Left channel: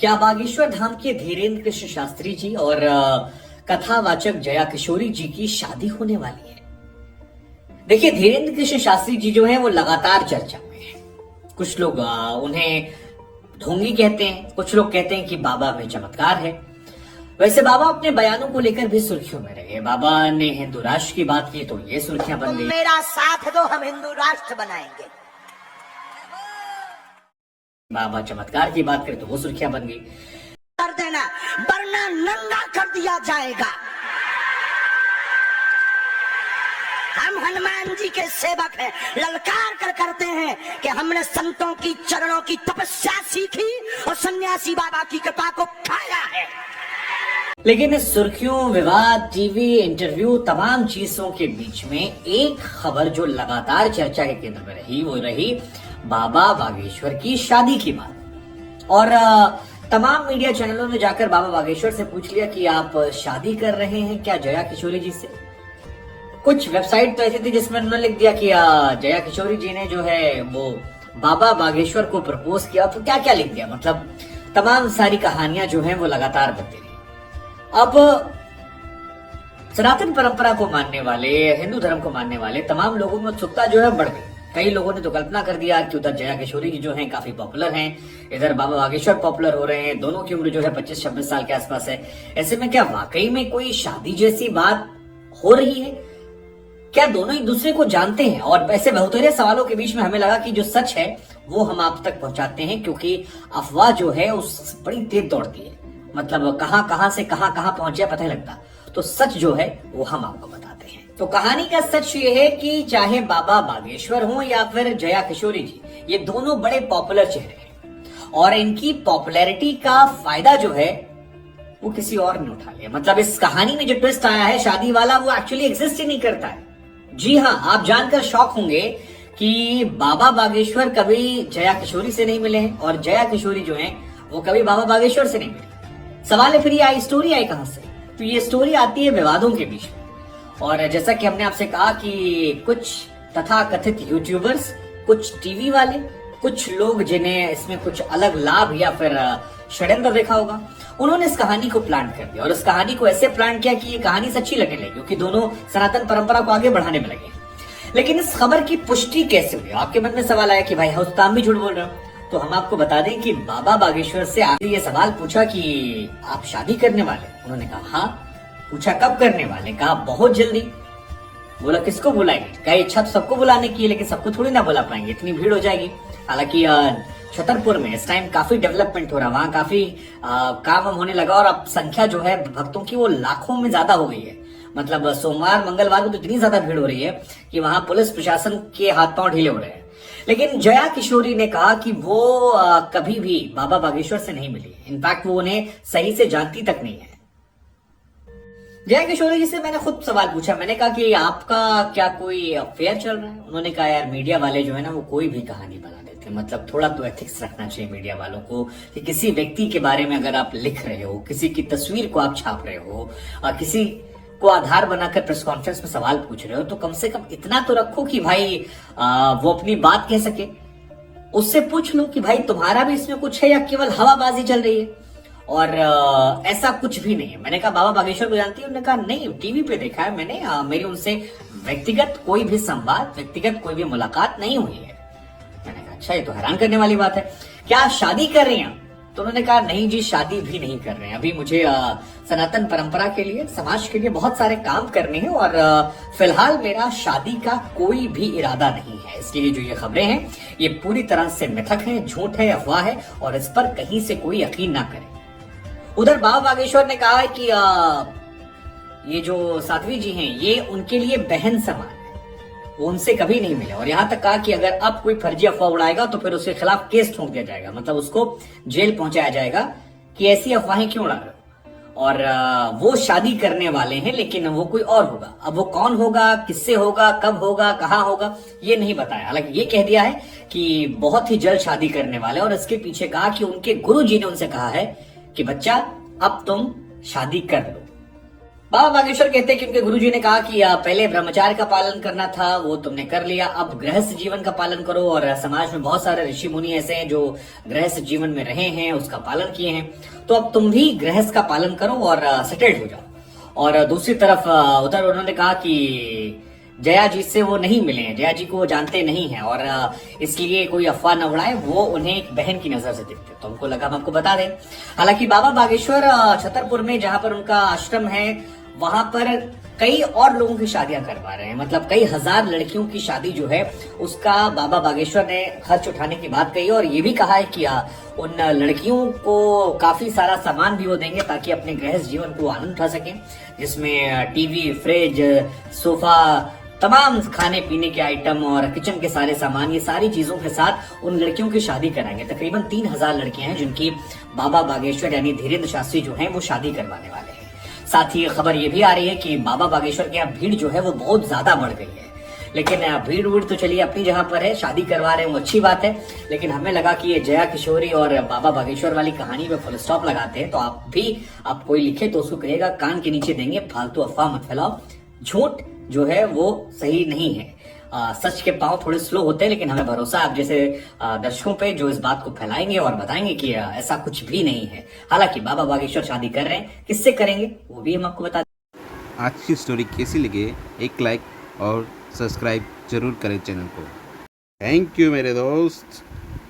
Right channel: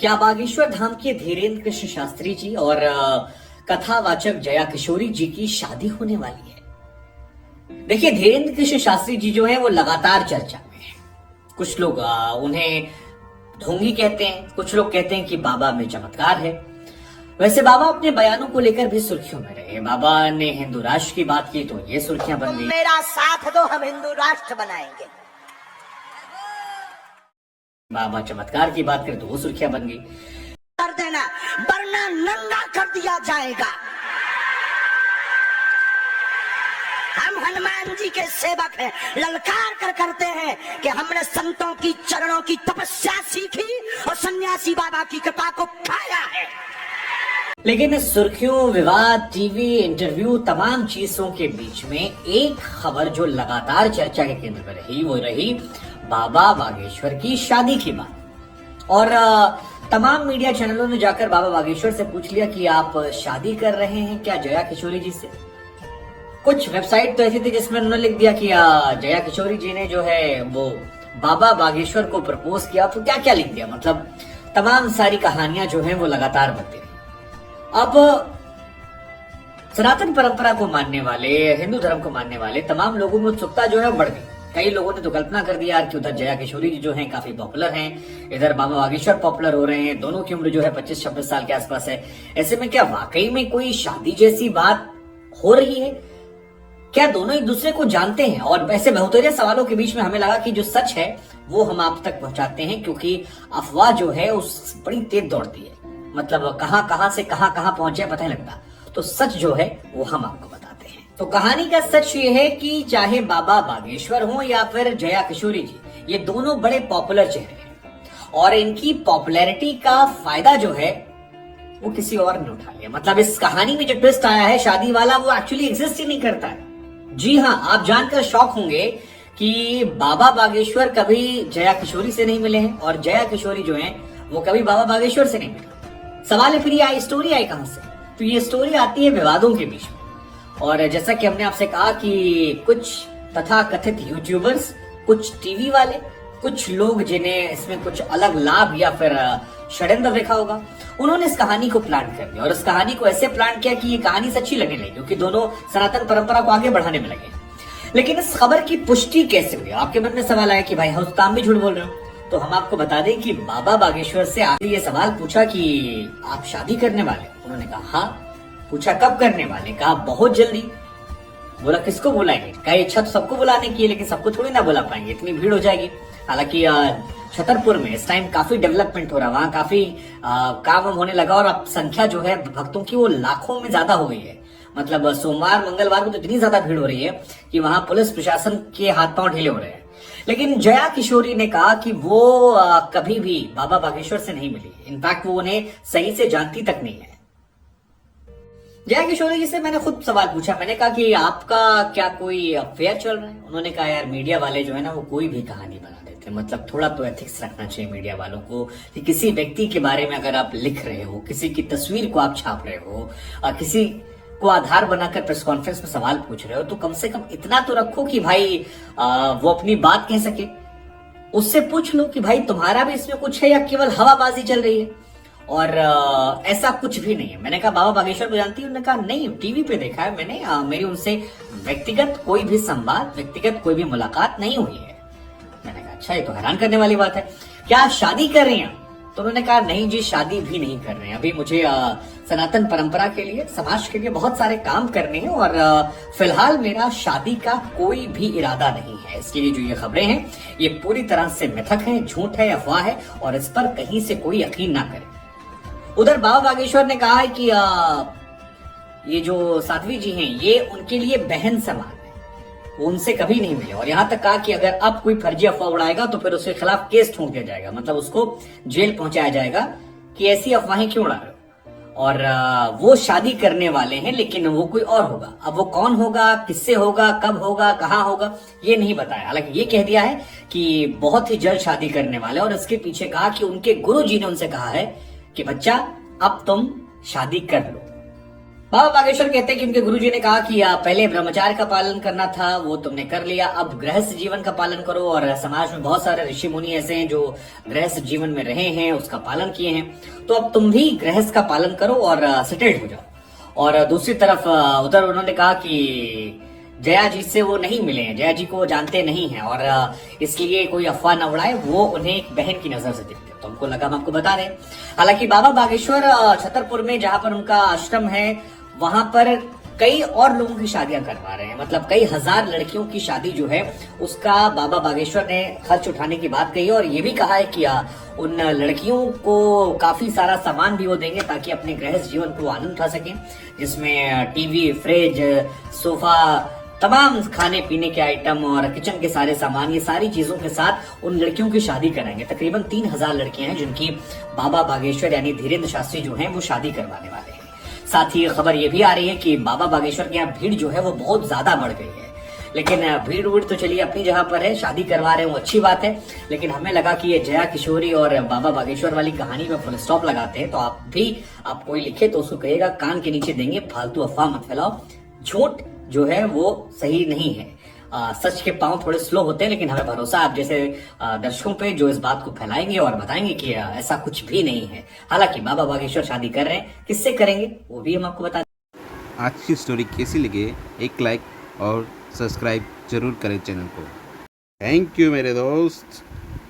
क्या बागेश्वर धाम के धीरेन्द्र कृष्ण शास्त्री जी और कथावाचक जया किशोरी जी की शादी होने वाली है। देखिए, धीरेन्द्र कृष्ण शास्त्री जी जो है वो लगातार चर्चा में है। कुछ लोग उन्हें ढोंगी कहते हैं, कुछ लोग कहते हैं कि बाबा में चमत्कार है। वैसे बाबा अपने बयानों को लेकर भी सुर्खियों में रहे। बाबा ने हिंदू राष्ट्र की बात की तो ये सुर्खियां बन गई। मेरा साथ दो, हम हिंदू राष्ट्र बनाएंगे। बाबा चमत्कार की बात करें तो वो सुर्खियां बन गई। कर देना वरना नंगा कर दिया जाएगा। हम हनुमान जी के सेवक हैं, ललकार कर करते हैं कि हमने संतों की चरणों की तपस्या सीखी और सन्यासी बाबा की कृपा को पाया है। लेकिन इस सुर्खियों, विवाद, टीवी इंटरव्यू, तमाम चीजों के बीच में एक खबर जो लगातार चर्चा के केंद्र में रही वो रही बाबा बागेश्वर की शादी की बात। और तमाम मीडिया चैनलों ने जाकर बाबा बागेश्वर से पूछ लिया कि आप शादी कर रहे हैं क्या जया किशोरी जी से। कुछ वेबसाइट तो ऐसी थी जिसमें उन्होंने लिख दिया कि जया किशोरी जी ने जो है वो बाबा बागेश्वर को प्रपोज किया। तो क्या क्या लिख दिया, मतलब तमाम सारी कहानियां जो है वो लगातार बनती रही। अब सनातन परंपरा को मानने वाले, हिंदू धर्म को मानने वाले तमाम लोगों में उत्सुकता जो है बढ़ गई। कई लोगों ने तो कल्पना कर दिया कि उधर जया किशोरी जी जो हैं काफी पॉपुलर हैं, इधर बाबा बागेश्वर पॉपुलर हो रहे हैं, दोनों की उम्र जो है 25-26 साल के आसपास है। ऐसे में क्या वाकई में कोई शादी जैसी बात हो रही है? क्या दोनों एक दूसरे को जानते हैं? और वैसे बहुतेरे सवालों के बीच में हमें लगा कि जो सच है वो हम आप तक पहुंचाते हैं, क्योंकि अफवाह जो है उस बड़ी तेज दौड़ती है। मतलब कहां से कहां पहुंच जाए पता नहीं लगता। तो सच जो है वो हम आपको बताते हैं। तो कहानी का सच ये है कि चाहे बाबा बागेश्वर हो या फिर जया किशोरी जी, ये दोनों बड़े पॉपुलर चेहरे हैं और इनकी पॉपुलैरिटी का फायदा जो है वो किसी और ने उठा लिया। मतलब इस कहानी में जो ट्विस्ट आया है शादी वाला, वो एक्चुअली एग्जिस्ट ही नहीं करता है। जी हाँ, आप जानकर शॉक होंगे कि बाबा बागेश्वर कभी जया किशोरी से नहीं मिले हैं और जया किशोरी जो है वो कभी बाबा बागेश्वर से नहीं मिले। सवाल है फिर ये स्टोरी आई कहां से? तो ये स्टोरी आती है विवादों के बीच में। और जैसा कि हमने आपसे कहा कि कुछ तथाकथित यूट्यूबर्स, कुछ टीवी वाले, कुछ लोग जिन्हें इसमें कुछ अलग लाभ या फिर षड्यंत्र देखा होगा, उन्होंने इस कहानी को प्लान कर दिया। और इस कहानी को ऐसे प्लान किया कि ये कहानी सच्ची लगने लगी, क्योंकि दोनों सनातन परंपरा को आगे बढ़ाने में लगे। लेकिन इस खबर की पुष्टि कैसे हुई? आपके मन में सवाल आया कि भाई हौसताम भी झूठ बोल रहा। तो हम आपको बता दें कि बाबा बागेश्वर से आपने ये सवाल पूछा कि आप शादी करने वाले? उन्होंने कहा हाँ। पूछा कब करने वाले? कहा बहुत जल्दी। बोला किसको बुलाएंगे? कहा इच्छा तो सबको बुलाने की है, लेकिन सबको थोड़ी ना बुला पाएंगे, इतनी भीड़ हो जाएगी। हालांकि छतरपुर में इस टाइम काफी डेवलपमेंट हो रहा है, वहाँ काफी काम होने लगा और अब संख्या जो है भक्तों की वो लाखों में ज्यादा हो गई है। मतलब सोमवार मंगलवार में तो इतनी ज्यादा भीड़ हो रही है कि वहां पुलिस प्रशासन के हाथ पांव ढीले हो रहे हैं। लेकिन जया किशोरी ने कहा कि वो कभी भी बाबा बागेश्वर से नहीं मिली। इनफैक्ट वो उन्हें सही से जानती तक नहीं है। जया किशोरी जी से मैंने खुद सवाल पूछा। मैंने कहा कि आपका क्या कोई अफेयर चल रहा है? उन्होंने कहा यार मीडिया वाले जो है ना वो कोई भी कहानी बना देते हैं। मतलब थोड़ा तो एथिक्स रखना चाहिए मीडिया वालों को कि किसी व्यक्ति के बारे में अगर आप लिख रहे हो, किसी की तस्वीर को आप छाप रहे हो, किसी को आधार बनाकर प्रेस कॉन्फ्रेंस में सवाल पूछ रहे हो, तो कम से कम इतना तो रखो कि भाई वो अपनी बात कह सके। उससे पूछ लो कि भाई तुम्हारा भी इसमें कुछ है या केवल हवाबाजी चल रही है। और ऐसा कुछ भी नहीं है। मैंने कहा बाबा बागेश्वर को जानती है? उन्होंने कहा नहीं, टीवी पे देखा है मैंने, मेरी उनसे व्यक्तिगत कोई भी संवाद, व्यक्तिगत कोई भी मुलाकात नहीं हुई है। मैंने कहा अच्छा, ये तो हैरान करने वाली बात है। क्या शादी कर रही हैं? तो उन्होंने कहा नहीं जी, शादी भी नहीं कर रहे हैं। अभी मुझे सनातन परंपरा के लिए, समाज के लिए बहुत सारे काम करने हैं और फिलहाल मेरा शादी का कोई भी इरादा नहीं है। इसलिए जो ये खबरें हैं ये पूरी तरह से मिथक है, झूठ है, अफवाह है और इस पर कहीं से कोई यकीन ना करे। उधर बाबा बागेश्वर ने कहा है कि ये जो साध्वी जी हैं ये उनके लिए बहन समान है, वो उनसे कभी नहीं मिले। और यहाँ तक कहा कि अगर अब कोई फर्जी अफवाह उड़ाएगा तो फिर उसके खिलाफ केस ठोक दिया जाएगा, मतलब उसको जेल पहुंचाया जाएगा कि ऐसी अफवाहें क्यों उड़ा रहे हो। और वो शादी करने वाले हैं, लेकिन वो कोई और होगा। अब वो कौन होगा, किससे होगा, कब होगा, कहाँ होगा, ये नहीं बताया। हालांकि ये कह दिया है कि बहुत ही जल्द शादी करने वाले। और इसके पीछे कहा कि उनके गुरु जी ने उनसे कहा है कि बच्चा अब तुम शादी कर लो। बाबा बागेश्वर कहते हैं कि उनके गुरुजी ने कहा कि पहले ब्रह्मचार्य का पालन करना था, वो तुमने कर लिया, अब गृहस्थ जीवन का पालन करो। और समाज में बहुत सारे ऋषि मुनि ऐसे हैं जो गृहस्थ जीवन में रहे हैं, उसका पालन किए हैं, तो अब तुम भी गृहस्थ का पालन करो और सेटल्ड हो जाओ। और दूसरी तरफ उधर उन्होंने कहा कि जया जी से वो नहीं मिले हैं, जया जी को जानते नहीं हैं और इसलिए कोई अफवाह न उड़ाए, वो उन्हें एक बहन की नजर से देखते हैं। तो हमको लगा हम आपको बता दें। हालांकि बाबा बागेश्वर छतरपुर में जहां पर उनका आश्रम है, वहां पर कई और लोगों की शादियां करवा रहे हैं, मतलब कई हजार लड़कियों की शादी जो है उसका बाबा बागेश्वर ने खर्च उठाने की बात कही और ये भी कहा है कि उन लड़कियों को काफी सारा सामान भी वो देंगे ताकि अपने गृहस्थ जीवन को आनंद उठा सके, जिसमें टीवी, फ्रिज, सोफा, तमाम खाने पीने के आइटम और किचन के सारे सामान, ये सारी चीजों के साथ उन लड़कियों की शादी कराएंगे। तकरीबन 3000 लड़कियां हैं जिनकी बाबा बागेश्वर यानी धीरेन्द्र शास्त्री जो हैं वो शादी करवाने वाले हैं। साथ ही खबर ये भी आ रही है कि बाबा बागेश्वर के यहाँ भीड़ जो है वो बहुत ज्यादा बढ़ गई है। लेकिन भीड़ उड़ तो चलिए अपनी जगह पर है, शादी करवा रहे हैं वो अच्छी बात है, लेकिन हमें लगा कि ये जया किशोरी और बाबा बागेश्वर वाली कहानी में फुल स्टॉप लगाते हैं। तो आप कोई लिखे तो उसको कहिएगा कान के नीचे देंगे, फालतू अफवाह मत फैलाओ। झूठ जो है वो सही नहीं है, सच के पांव थोड़े स्लो होते हैं, लेकिन हमें भरोसा है आप जैसे दर्शकों पे जो इस बात को फैलाएंगे और बताएंगे कि ऐसा कुछ भी नहीं है। हालांकि बाबा बागेश्वर शादी कर रहे हैं, किससे करेंगे वो भी हम आपको बता दें। आज की स्टोरी कैसी लगे एक लाइक और सब्सक्राइब जरूर करें चैनल को। थैंक यू मेरे दोस्त।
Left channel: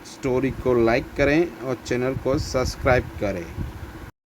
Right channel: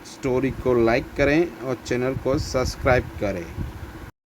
स्टोरी को लाइक करें और चैनल को सब्सक्राइब करें।